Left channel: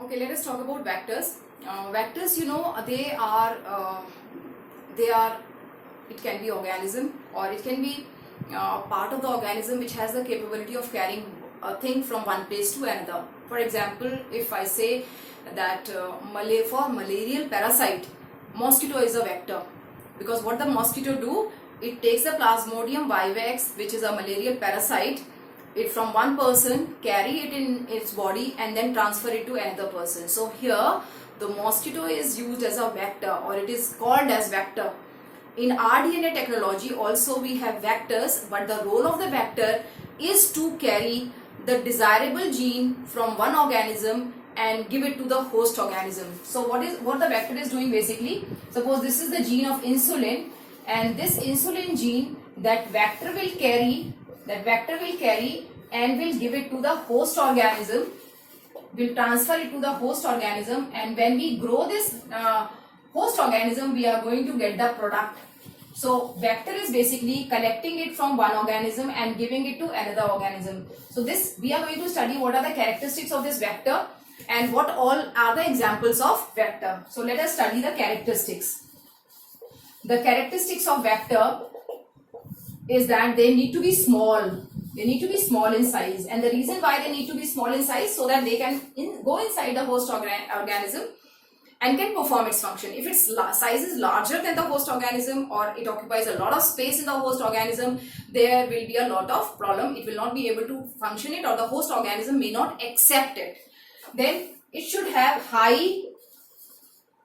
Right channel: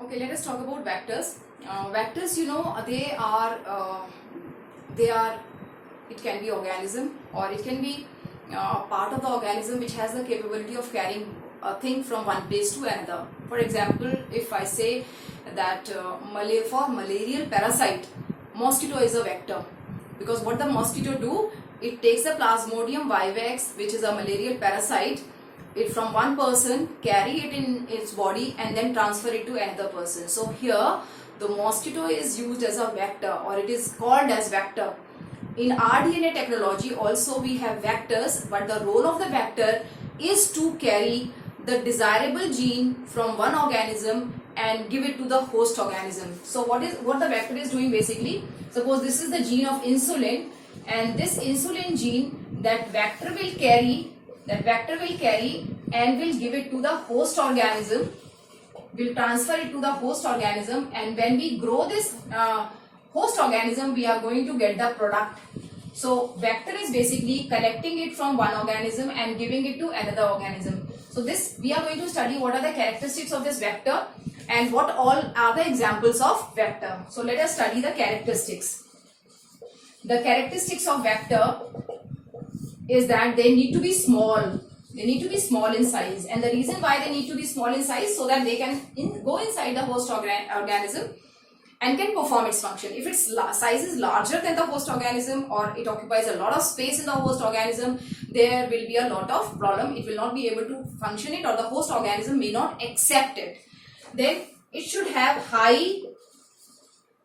Okay, let us talk about vectors. Vectors, they are. It can be organism or it can be part of the organism which has the capability of carrying a thing from one place to another. For example, if I say that for malarial parasite, mosquito is a vector, because what the mosquito do, it takes the Plasmodium vivax, which is a malarial parasite, it from one person, carry it in its body and then transfer it to another person. So here the mosquito is used as a vector, or it is called as vector. In rDNA technology also we have vectors, but the role of the vector is to carry the desirable gene from one organism and give it to the host organism. So what the vector is doing basically, suppose this is the gene of insulin, and this insulin gene, that vector will carry and will give it to the host organism, will transfer it to the host organism, and when we grow this host organism, we are going to get the product. So vector is basically collecting it from one organism and giving it to another organism. So this, we are going to study what are the characteristics of this vector and what all are the examples of vector. So let us study the characteristics. The characteristics of vector is that they need to be small. They need to be small in size, and the reason why they need to be small in size, so that they can go inside the host organism and can perform its function. If its size is larger than the host organism, or it occupies a lot of space in the host organism, there will be a lot of problem. It will not be able to function it, or the host organism may not accept it. Then it should have high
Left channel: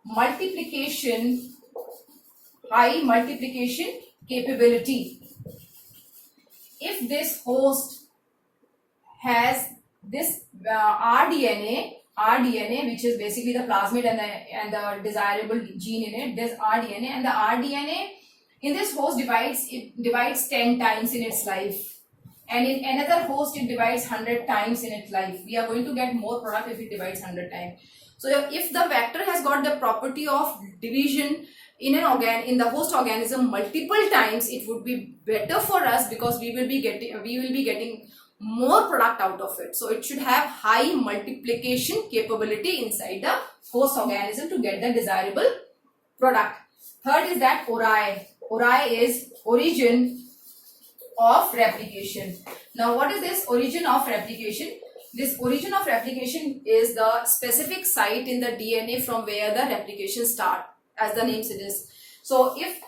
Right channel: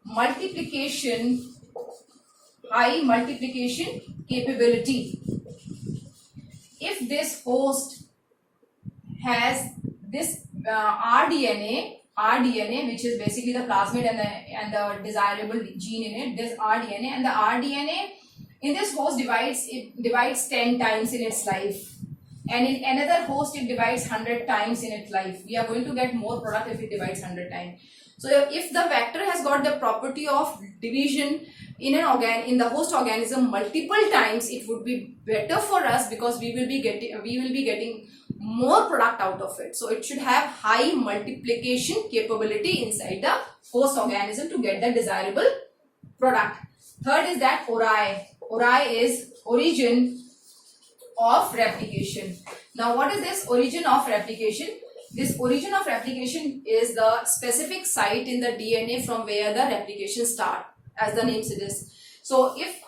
multiplication capability. If this host has this rDNA, which is basically the plasmid and the desirable gene in it, this rDNA, and the rDNA in this host divides 10 times in its life, and in another host it divides 100 times in its life. We are going to get more product if it divides 100 times. So if the vector has got the property of division in the host organism multiple times, it would be better for us, because we will be getting more product out of it. So it should have high multiplication capability inside the host organism to get the desirable product. Third is that ori. Ori is origin of replication. Now what is this origin of replication? This origin of replication is the specific site in the DNA from where the replication starts, as the name suggests. So if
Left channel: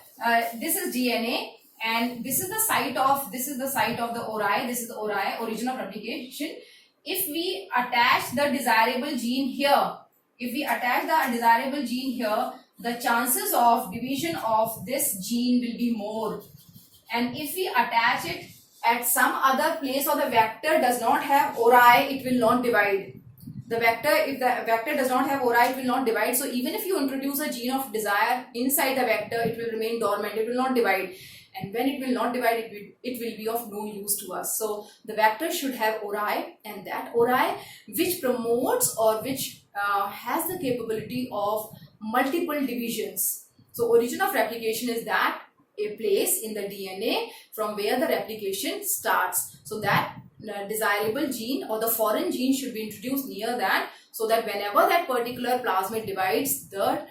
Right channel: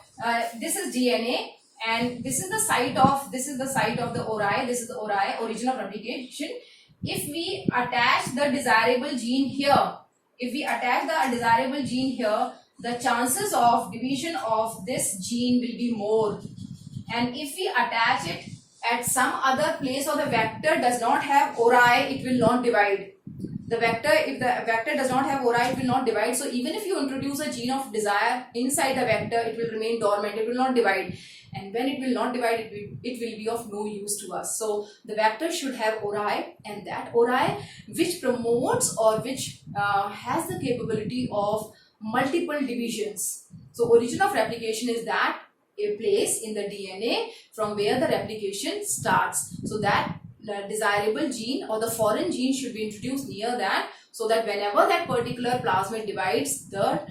this is DNA, and this is the site of the ori, this is the ori, origin of replication. If we attach the desirable gene here, the chances of division of this gene will be more. And if we attach it at some other place, or the vector does not have ori, it will not divide. If the vector does not have ori, it will not divide. So even if you introduce a gene of desire inside the vector, it will remain dormant, it will not divide. And when it will not divide, it will be of no use to us. So the vector should have ori, and that ori which promotes or which has the capability of multiple divisions. So origin of replication is that a place in the DNA from where the replication starts. So that desirable gene or the foreign gene should be introduced near that, so that whenever that particular plasmid divides, the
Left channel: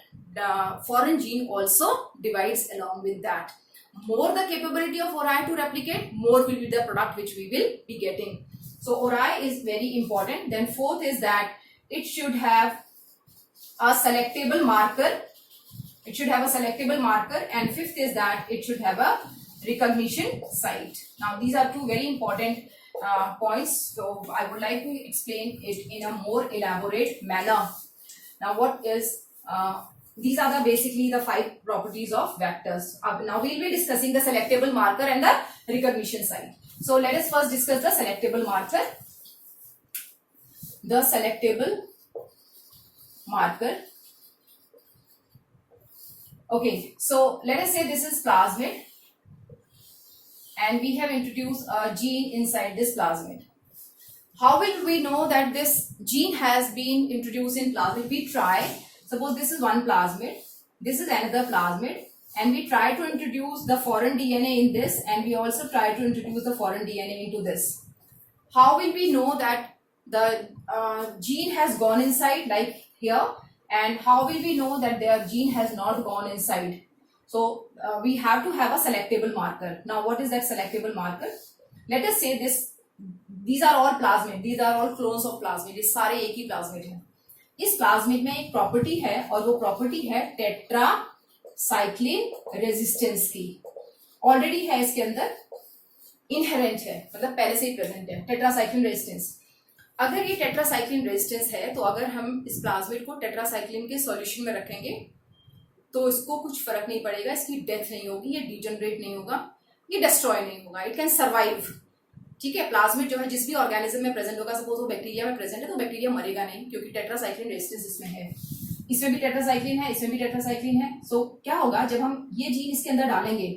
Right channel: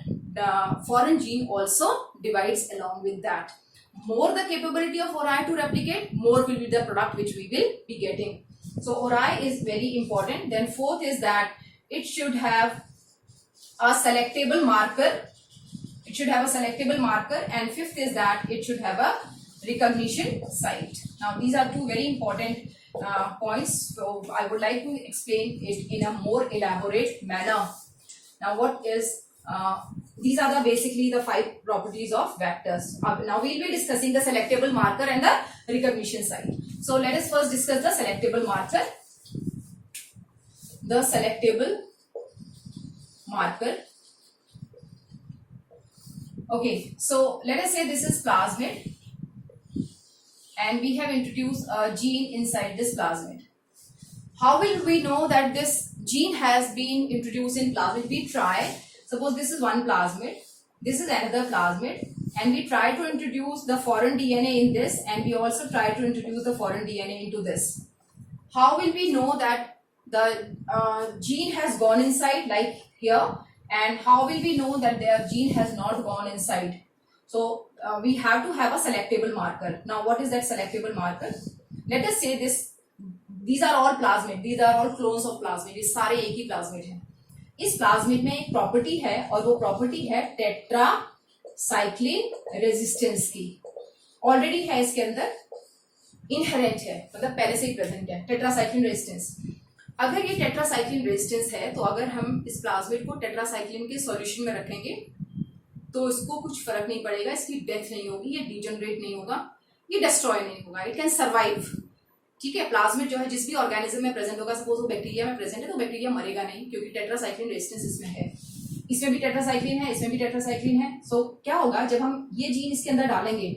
foreign gene also divides along with that. More the capability of ori to replicate, more will be the product which we will be getting. So ori is very important. Then fourth is that it should have a selectable marker. And fifth is that it should have a recognition site. Now these are two very important points, so I would like to explain it in a more elaborate manner. Now these are basically the 5 properties of vectors. Now we will be discussing the selectable marker and the recognition site. So let us first discuss the selectable marker. The selectable marker. Okay, so let us say this is plasmid, and we have introduced a gene inside this plasmid. How will we know that this gene has been introduced in plasmid? We try, suppose this is one plasmid, this is another plasmid, and we try to introduce the foreign DNA in this, and we also try to introduce the foreign DNA into this. How will we know that the gene has gone inside like here, and how will we know that their gene has not gone inside? So we have to have a selectable marker. Now what is that selectable marker? Let us say these are all plasmid, these are all clones of plasmid, ये सारे एक ही plasmid है. इस plasmid में एक property है और वो प्रॉपर्टी है टेट्रासाइक्लिन रेजिस्टेंस की. ऑलरेडी है इसके अंदर, इनहेरेंट है, मतलब पहले से ही प्रेजेंट है टेट्रासाइक्लिन रेजिस्टेंस. अगर ये टेट्रासाइक्लिन रेजिस्टेंस है तो अगर हम इस प्लाज्मिड को टेट्रासाइक्लिन के सॉल्यूशन में रखेंगे तो इसको कुछ फर्क नहीं पड़ेगा, इसकी डेथ नहीं होगी, ये डिजनरेट नहीं होगा, ये डिस्ट्रॉय नहीं होगा, इट कैन सर्वाइव. ठीक है, प्लाज्मिड जो है जिस भी ऑर्गेनिज्म में प्रेजेंट होगा, सपोज वो बैक्टीरिया में प्रेजेंट है तो बैक्टीरिया मरेगा नहीं, क्योंकि टेट्रासाइक्लिन रेजिस्टेंस इसमें है. इसमें भी टेट्रासाइक्लिन है, इसमें भी टेट्रासाइक्लिन है. सो क्या होगा, जब हम ये जीन इसके अंदर डालेंगे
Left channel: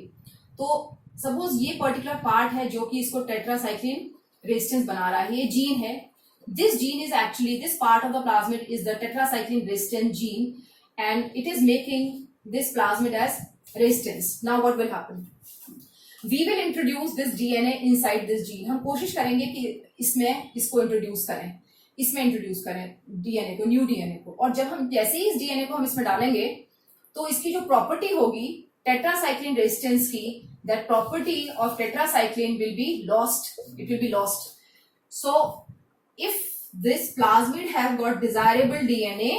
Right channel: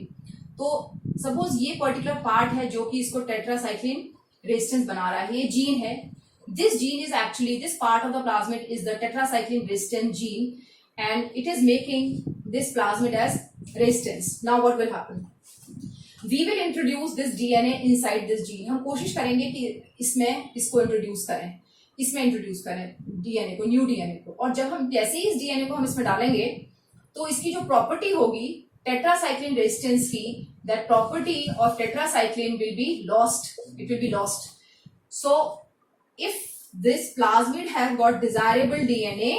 तो सपोज ये पर्टिकुलर पार्ट है जो कि इसको टेट्रासाइक्लिन रेजिस्टेंस बना रहा है, ये जीन है. This gene is actually, this part of the plasmid is the tetracycline resistant gene and it is making this plasmid as resistance. Now what will happen? We will introduce this DNA inside this gene. हम कोशिश करेंगे कि इसमें इसको introduce करें, इसमें introduce करें DNA को, न्यू DNA को. और जब हम जैसे ही इस DNA को हम इसमें डालेंगे तो इसकी जो प्रॉपर्टी होगी टेट्रासाइक्लिन रेजिस्टेंस की, that property of tetracycline will be lost. It will be lost. So if this plasmid have got desirable DNA,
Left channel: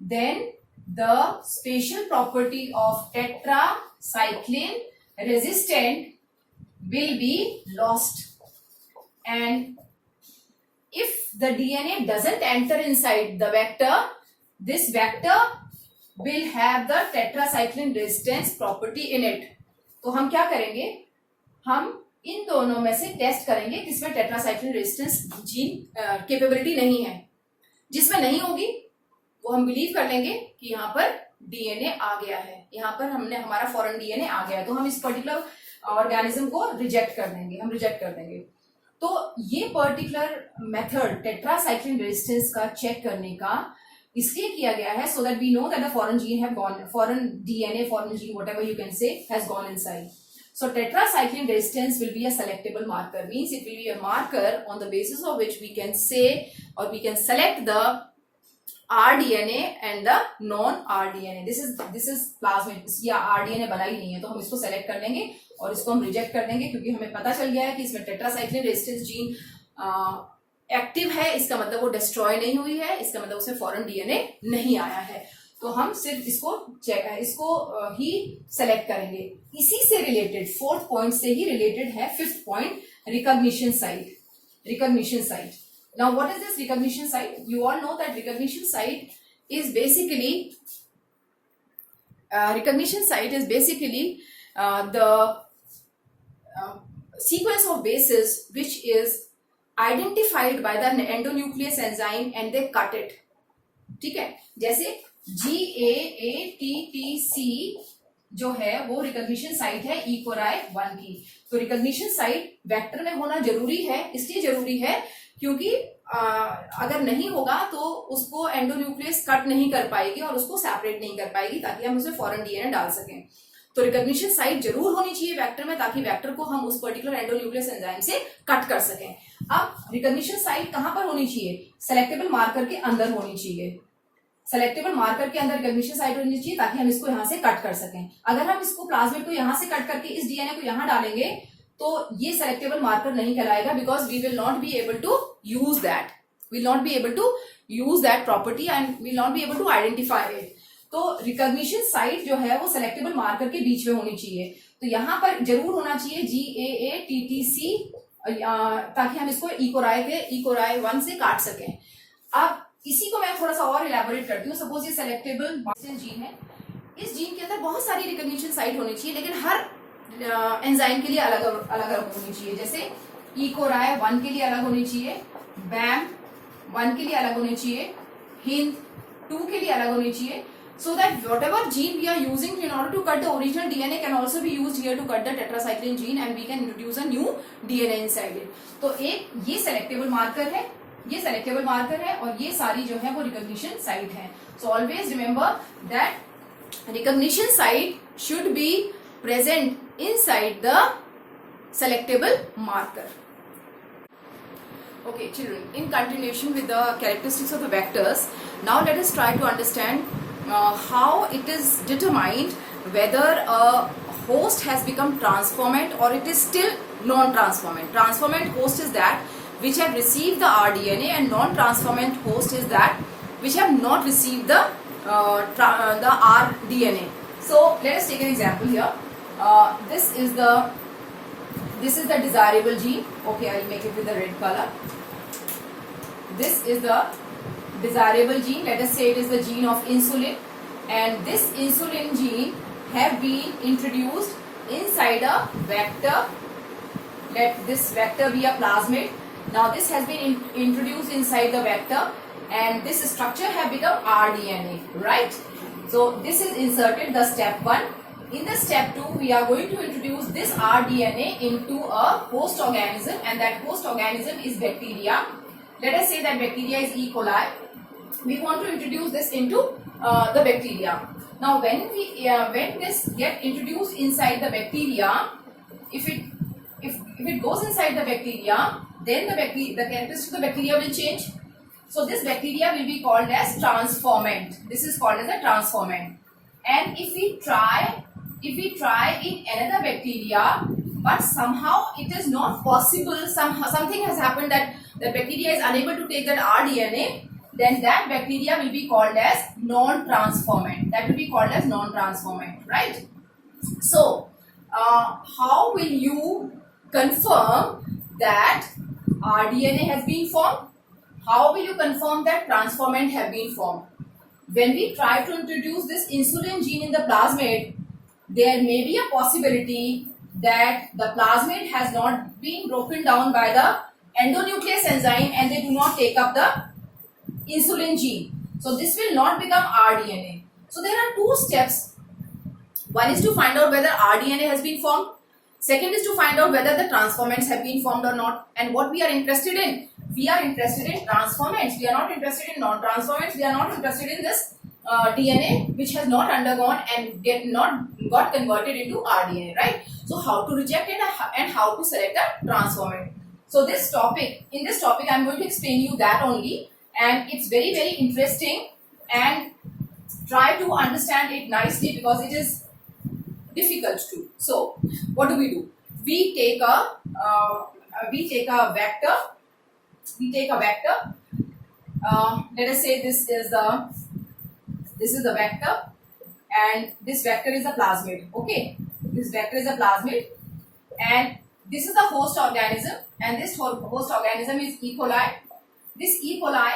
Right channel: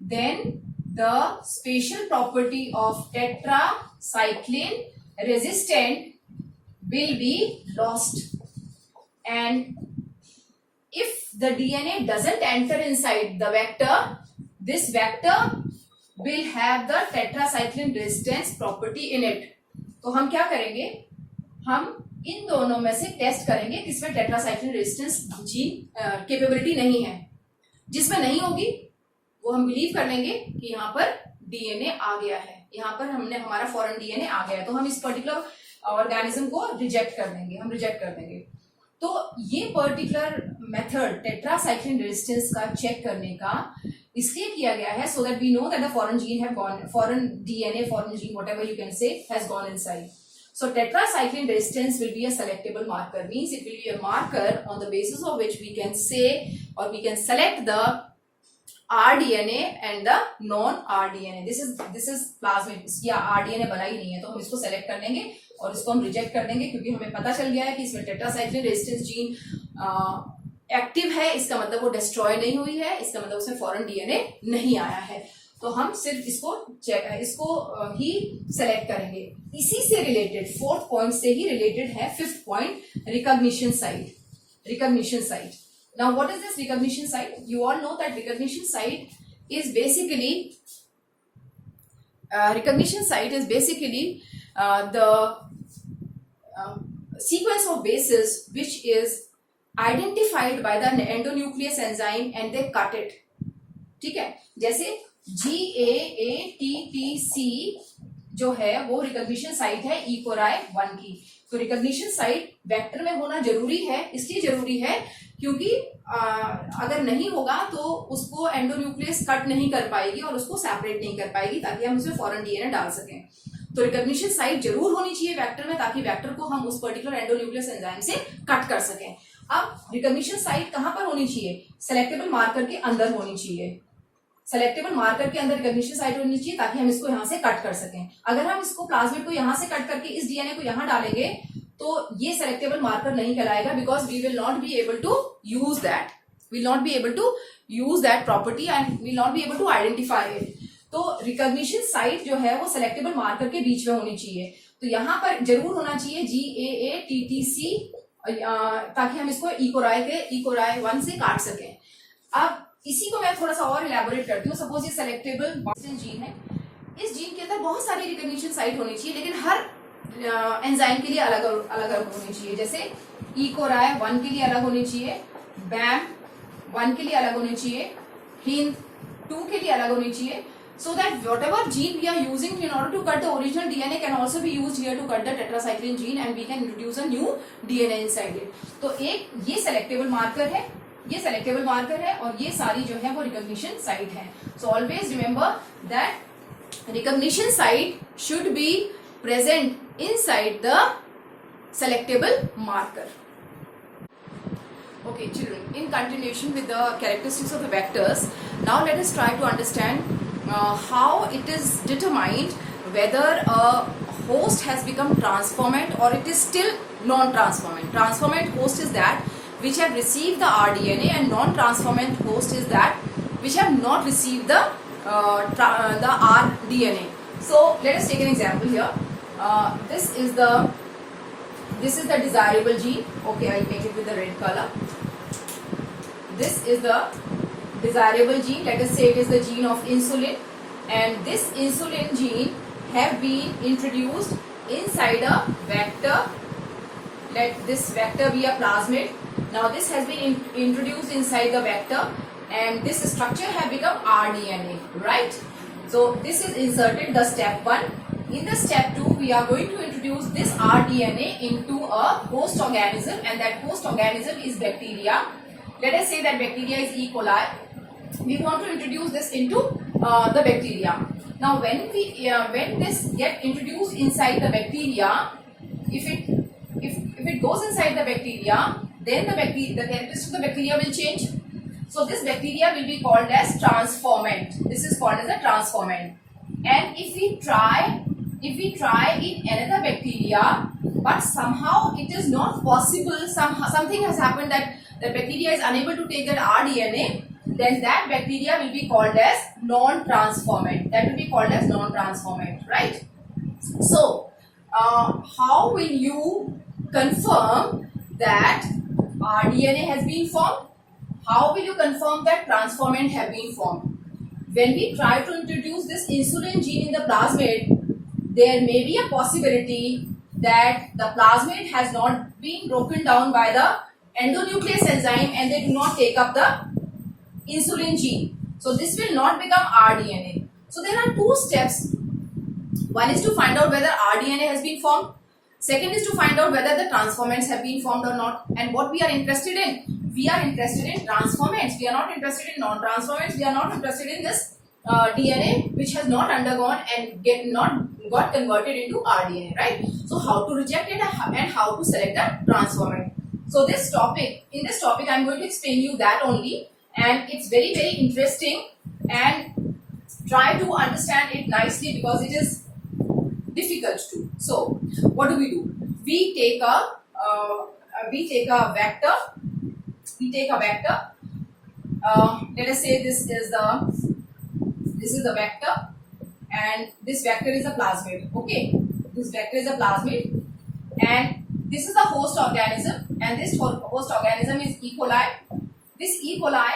then the spatial property of tetracycline resistant will be lost. And if the DNA doesn't enter inside the vector, this vector will have the tetracycline resistance property in it. तो हम क्या करेंगे, हम इन दोनों में से test करेंगे किसमें टेट्रासाइक्लिन रेजिस्टेंस जीन कैपेबिलिटी नहीं है. जिसमें नहीं होगी वो हम बिलीव कर लेंगे कि यहाँ पर डीएनए आ गया है, यहाँ पर हमारा फॉरेन डीएनए आ गया है, तो हम इस पर्टिकुलर ऑर्गेनिज्म को रिजेक्ट कर देंगे, हम रिजेक्ट कर देंगे. तो ये पर्टिकुलर मेथड टेट्रासाइक्लिन रेजिस्टेंस का चेक करने का इसलिए किया गया है, so that we know that the foreign gene have gone, foreign DNA, foreign gene, whatever you can say, has gone inside. So tetracycline resistance will be a selectable marker, means it will be a marker on the basis of which we can say or we can select the rDNA and the non-rDNA. This is plasmid, इसकी rDNA बना ही नहीं है, तो हम इसको select कर लेंगे और इसको हम रिजेक्ट कर देंगे, क्योंकि हमें पता चल गया है कि इसमें टेट्रासाइक्लिन रेजिस्टेंस जीन एक्टिव है. इसका मतलब वो डिस्ट्रॉय नहीं हुई है, इसका मतलब उसमें फॉरेन डीएनए नहीं आया है. तो हम सिर्फ इसको ही सेलेक्ट करेंगे. इसी से रिलेटेड, फोर्थ पॉइंट से ही रिलेटेड है fifth point, recognition site. Recognition site. Now what is this recognition site? You all know that recognition site is basically the sequence of bases which is identified by the endonuclease enzyme and they cut it. ठीक है, जैसे GAATTC जो है वो recognition site है ई Core i 1 की. तो recognition site vector में होना जरूरी है, इसलिए जरूरी है क्योंकि अगर नहीं होगा तो उसको एंडोन्यूक्लियस कट नहीं कर पाएगी और उसको सेपरेट नहीं कर पाएगी, ताकि हम उसमें फॉरेन डीएनए डाल सकें. तो रिकॉग्निशन साइट जरूर होनी चाहिए वेक्टर में, ताकि वेक्टर को हम उस पर्टिकुलर एंडोन्यूक्लियस एंजाइम से कट कर सकें. अब रिकॉग्निशन साइट कहां पर होनी चाहिए? सेलेक्टेबल मार्कर के अंदर होनी चाहिए. सेलेक्टेबल मार्कर के अंदर रिकॉग्निशन साइट होनी चाहिए ताकि हम इसको यहां से कट कर सकें. अगर हम इसको प्लाज्मिड को यहां से कट करके इस डीएनए को यहां डालेंगे तो ये सेलेक्टेबल मार्कर नहीं कहलाएगा, because we will not be able to use that, will not be able to use that property and will not be able to identify it. तो रिकॉग्निशन साइट जो है वो सेलेक्टेबल मार्कर के बीच में होनी चाहिए. तो यहां पर जरूर होना चाहिए GAATTC, ताकि हम इसको ई कोराई 1 से काट सकें. अब इसी को मैं थोड़ा सा और इलेबोरेट करती हूँ. सपोज ये सेलेक्टेबल जीन है, इस जीन के अंदर बहुत सारी रिकॉग्निशन साइट होनी चाहिए, लेकिन हर एंजाइम के लिए अलग अलग होनी चाहिए. जैसे ई कोराई 1 के लिए अलग होनी चाहिए, BAM 1 के लिए अलग होनी चाहिए, HIND 2 के लिए अलग होनी चाहिए, so that whatever gene we are using in order to cut the original DNA can also be used here to cut the tetracycline gene and we can introduce a new DNA inside it. तो एक ये selectable marker है, ये selectable marker है और ये सारी जो है वो रिकॉग्निशन साइट है. So always remember that recognition site should be present inside the selectable marker. Okay, children, in continuation with the characteristics of the vectors, now let us try to understand how it is determined whether a host has become transformant or it is still non-transformant. Transformant host is that which have received the rDNA, and non-transformant host is that which have not received the rDNA. So let us take an example here. This is the desirable gene. Okay, I'll make it with the red color. This is the desirable gene. Let us say it is the gene of insulin, and this insulin gene have been introduced inside a vector. Let this vector be a plasmid. Now this has been introduced inside the vector, and this structure have become rDNA, right? So this is inserted, the step 1. In the step 2, we are going to introduce this rDNA into a host organism, and that host organism is bacteria. Let us say that bacteria is E. coli. We want to introduce this into the bacteria. Now when this get introduced inside the bacteria, if it goes inside the bacteria, then the characteristics of the bacteria will change. So this bacteria will be called as transformant. This is called as a transformant. And if we try in another bacteria, but somehow it is not possible, something has happened that the bacteria is unable to take that rDNA, then that bacteria will be called as non-transformant. That will be called as non-transformant, right? So how will you confirm that rDNA has been formed? How will you confirm that transformant have been formed? When we try to introduce this insulin gene in the plasmid, there may be a possibility that the plasmid has not been broken down by the endonuclease enzyme, and they do not take up the insulin gene. So this will not become rDNA. So there are two steps. One is to find out whether rDNA has been formed. Second is to find out whether the transformants have been formed or not. And what we are interested in? We are interested in transformants. We are not interested in non-transformants. We are not interested in this DNA which has not undergone and not got converted into rDNA, right? So how to reject it and how to select a transformant. So in this topic I am going to explain you that only, and it's very, very interesting, and try to understand it nicely because it is difficult too. So what do? We take a vector. Let us say this is the vector, and this vector is a plasmid. Okay, this vector is a plasmid, and this is the host organism, and this host organism is E. coli. This E. coli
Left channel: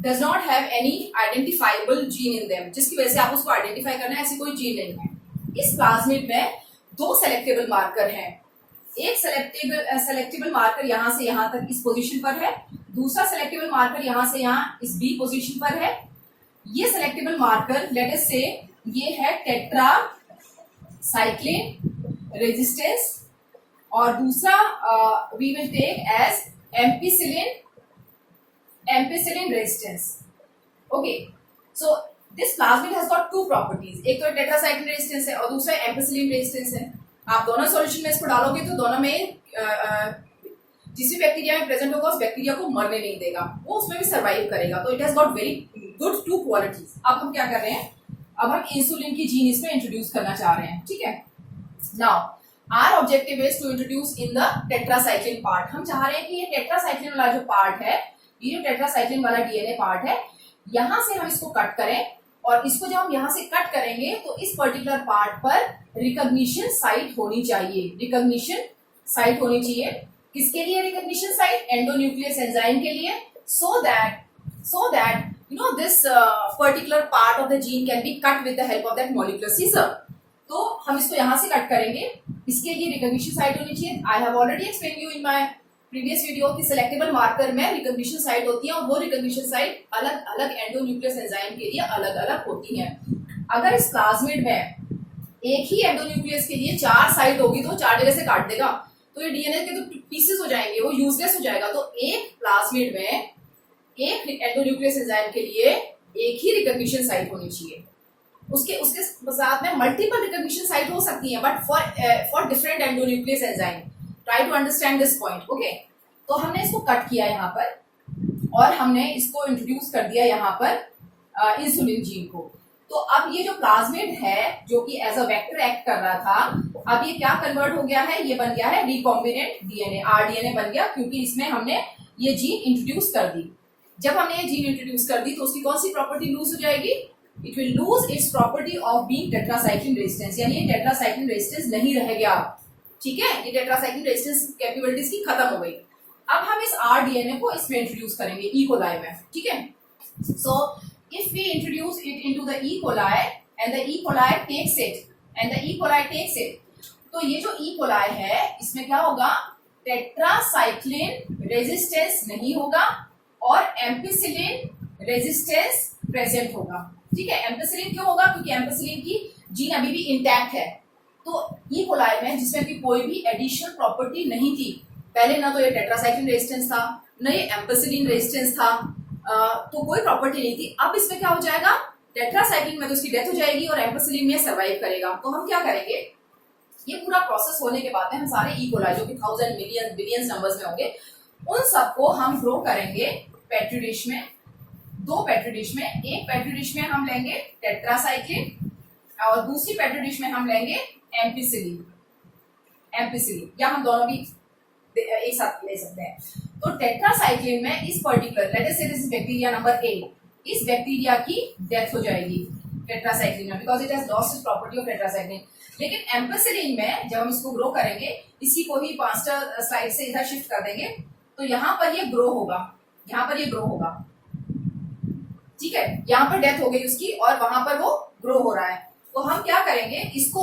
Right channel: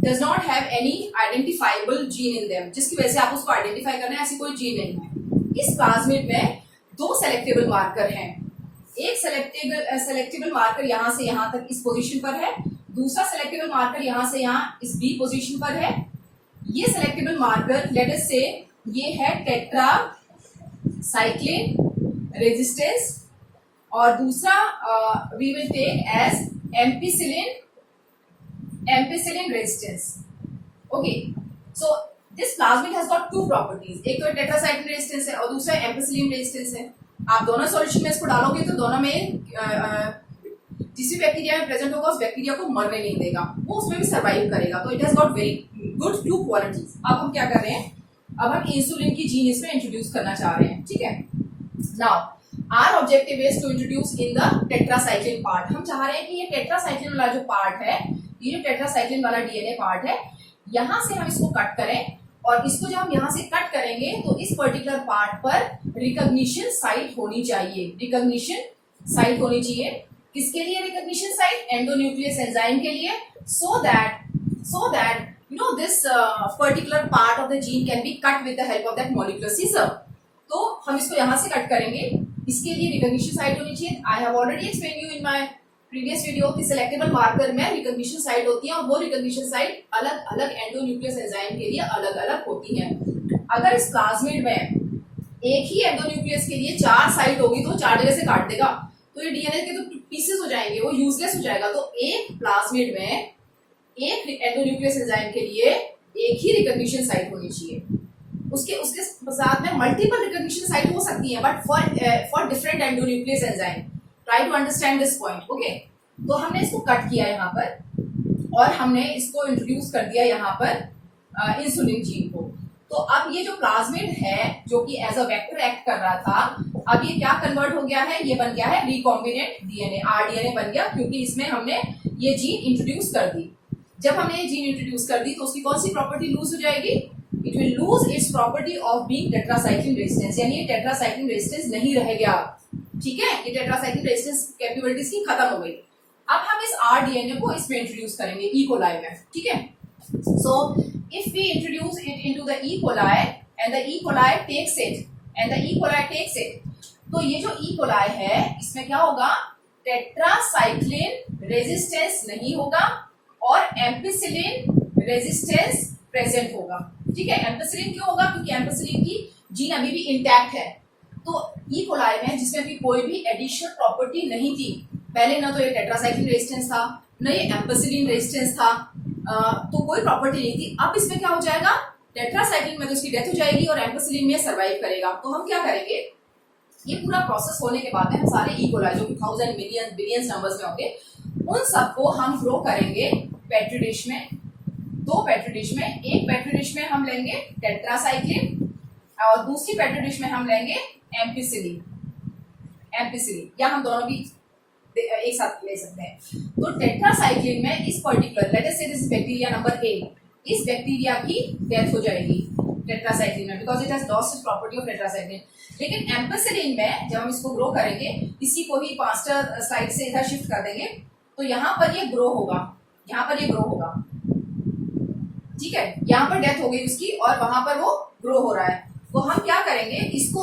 does not have any identifiable gene in them, जिसकी वजह से आप उसको identify करना है, ऐसी कोई gene नहीं है. इस प्लाज्मिड में दो सेलेक्टेबल मार्कर हैं. एक सेलेक्टेबल मार्कर यहाँ से यहाँ तक इस पोजीशन पर है, दूसरा सेलेक्टेबल मार्कर यहाँ से यहाँ इस बी पोजीशन पर है. ये सेलेक्टेबल मार्कर लेट अस से ये है टेट्रासाइक्लिन रेजिस्टेंस, और दूसरा we will take as ampicillin resistance. Okay, so this plasmid has got two properties. एक तो टेट्रासाइक्लिन रेजिस्टेंस है और दूसरा एम्पिसिलिन रेजिस्टेंस है. आप दोनों सॉल्यूशन में इसको डालोगे तो दोनों में जिस भी बैक्टीरिया में प्रेजेंट होगा उस बैक्टीरिया को मरने नहीं देगा, वो उसमें भी सर्वाइव करेगा. तो it has got very good two qualities. अब हम क्या कर रहे हैं, अब हम इंसुलिन की जीन इसमें इंट्रोड्यूस करना चाह रहे हैं. ठीक है, now our objective is to introduce in the tetracycline part. हम चाह रहे हैं कि ये टेट्रासाइक्लिन वाला जो पार्ट है, ये जो टेट्रासाइक्लिन वाला डीएनए पार्ट है, यहां से हम इसको कट करें, और इसको जब हम यहां से कट करेंगे तो इस पर्टिकुलर पार्ट पर रिकॉग्निशन साइट होनी चाहिए. रिकॉग्निशन साइट होनी चाहिए. किसके लिए रिकॉग्निशन साइट? एंडोन्यूक्लियस एंजाइम के लिए. So that you know this particular part of the gene can be cut with the help of that molecular scissor. तो हम इसको यहाँ से कट करेंगे. इसके लिए रिकॉग्निशन साइट होनी चाहिए. I have already explain you in my previous video कि सेलेक्टेबल मार्कर में रिकॉग्निशन साइट होती है, और वो रिकॉग्निशन साइट अलग अलग एंडोन्यूक्लियस एंजाइम के लिए अलग अलग होती है. अगर इस प्लाज्मिड में एक ही एंडोन्यूक्लियस के लिए 4 साइट होगी तो 4 जगह से काट देगा, तो ये डीएनए के तो पीसेस हो जाएंगे, वो यूजलेस हो जाएगा. तो एक प्लाज्मिड में एक एंडोन्यूक्लियस एंजाइम के लिए एक ही रिकॉग्निशन साइट होनी चाहिए. उसके साथ में मल्टीपल रिकॉग्निशन साइट हो सकती है, but for different endonuclease enzyme. Try to understand this point. Okay, तो हमने इसको कट किया यहाँ पर और हमने इसको इंट्रोड्यूस कर दिया यहाँ पर इंसुलिन जीन को। तो अब ये जो प्लाज्मिड है जो कि एज अ वेक्टर एक्ट कर रहा था, अब ये क्या कन्वर्ट हो गया है, ये बन गया है रिकॉम्बिनेंट डीएनए, आरडीएनए बन गया, क्योंकि इसमें हमने ये जीन इंट्रोड्यूस कर दी। जब हमने ये जीन इंट्रोड्यूस कर दी तो उसकी कौन सी प्रॉपर्टी लूज हो जाएगी, it will lose its property of being tetracycline resistance, यानी ये टेट्रासाइक्लिन रेजिस्टेंस नहीं रह गया। ठीक है, ये टेट्रासाइक्लिन रेजिस्टेंस कैपेबिलिटीज की खत्म हो गई। अब हम इस आरडीएनए को इसमें इंट्रोड्यूस करेंगे ई कोलाई में। ठीक है, so if we introduce it into the E coli and the E coli takes it, तो ये जो ई कोलाई है इसमें क्या होगा, टेट्रासाइक्लिन रेजिस्टेंस नहीं होगा और एम्पिसिलिन रेजिस्टेंस प्रेजेंट होगा। ठीक है, एम्पिसिलिन क्यों होगा, क्योंकि एम्पिसिलिन की जीन अभी भी इंटैक्ट है। तो ई कोलाई में जिसमें भी कोई भी एडिशनल प्रॉपर्टी नहीं थी, पहले ना तो ये टेट्रासाइक्लिन रेजिस्टेंस था, न ये एम्पिसिलिन रेजिस्टेंस था, तो कोई प्रॉपर्टी नहीं थी। अब इसमें क्या हो जाएगा, टेट्रासाइक्लिन में तो इसकी डेथ हो जाएगी और एम्पिसिलिन में सर्वाइव करेगा। तो हम क्या करेंगे, ये पूरा प्रोसेस होने के बाद में हम सारे ई कोलाई जो कि 1000 मिलियन बिलियन नंबर्स में होंगे, उन सबको हम ग्रो करेंगे पेट्री डिश में, 2 पेट्री डिश में। एक पेट्री डिश में हम लेंगे टेट्रासाइक्लिन और दूसरी पेट्री डिश में हम लेंगे एम्पिसिलिन, या हम दोनों भी एक साथ ले सकते हैं। तो टेट्रासाइक्लिन में इस पर्टिकुलर, लेट अस से this is bacteria number A, इस बैक्टीरिया की डेथ हो जाएगी टेट्रासाइक्लिन में, because it has lost its property of tetracycline. लेकिन एम्पिसिलिन में जब हम इसको ग्रो करेंगे, इसी को ही 5 स्लाइड से इधर शिफ्ट कर देंगे, तो यहाँ पर ये ग्रो होगा, यहाँ पर ये ग्रो होगा। ठीक है, यहाँ पर डेथ हो गई उसकी और वहां पर वो ग्रो हो रहा है। तो हम क्या करेंगे, इसको